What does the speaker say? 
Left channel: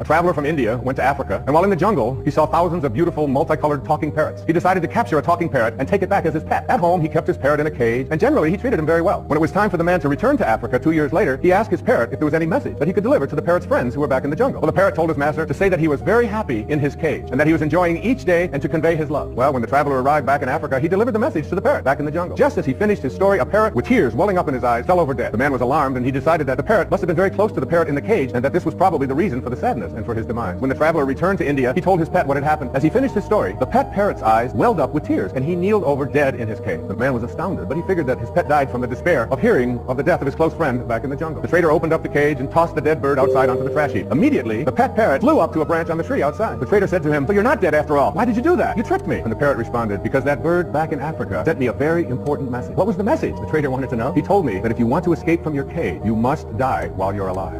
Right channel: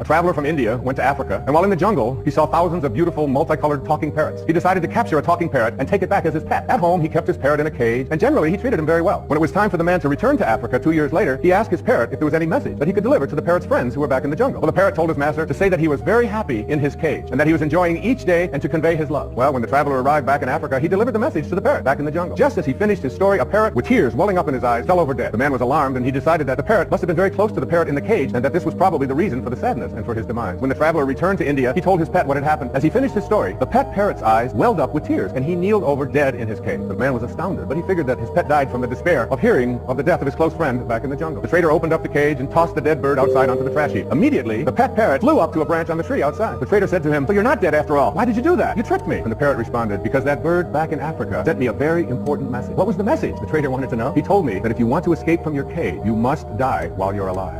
A traveler from India went to Africa, and while in the jungle, he saw thousands of beautiful, multicolored talking parrots. He decided to capture a talking parrot and take it back as his pet. At home, he kept his parrot in a cage, and generally, he treated him very well. When it was time for the man to return to Africa 2 years later, he asked his parrot if there was any message that he could deliver to the parrot's friends who were back in the jungle. Well, the parrot told his master to say that he was very happy in his cage, and that he was enjoying each day, and to convey his love. Well, when the traveler arrived back in Africa, he delivered the message to the parrot back in the jungle. Just as he finished his story, a parrot with tears welling up in his eyes fell over dead. The man was alarmed, and he decided that the parrot must have been very close to the parrot in the cage, and that this was probably the reason for the sadness and for his demise. When the traveler returned to India, he told his pet what had happened. As he finished his story, the pet parrot's eyes welled up with tears, and he kneeled over dead in his cage. The man was astounded, but he figured that his pet died from the despair of hearing of the death of his close friend back in the jungle. The trader opened up the cage and tossed the dead bird outside onto the trash heap. Immediately, the pet parrot flew up to a branch on the tree outside. The trader said to him, "So you're not dead after all. Why did you do that? You tricked me." And the parrot responded, "Because that bird back in Africa sent me a very important message." What was the message? The trader wanted to know. He told me that if you want to escape from your cage, you must die while you're alive.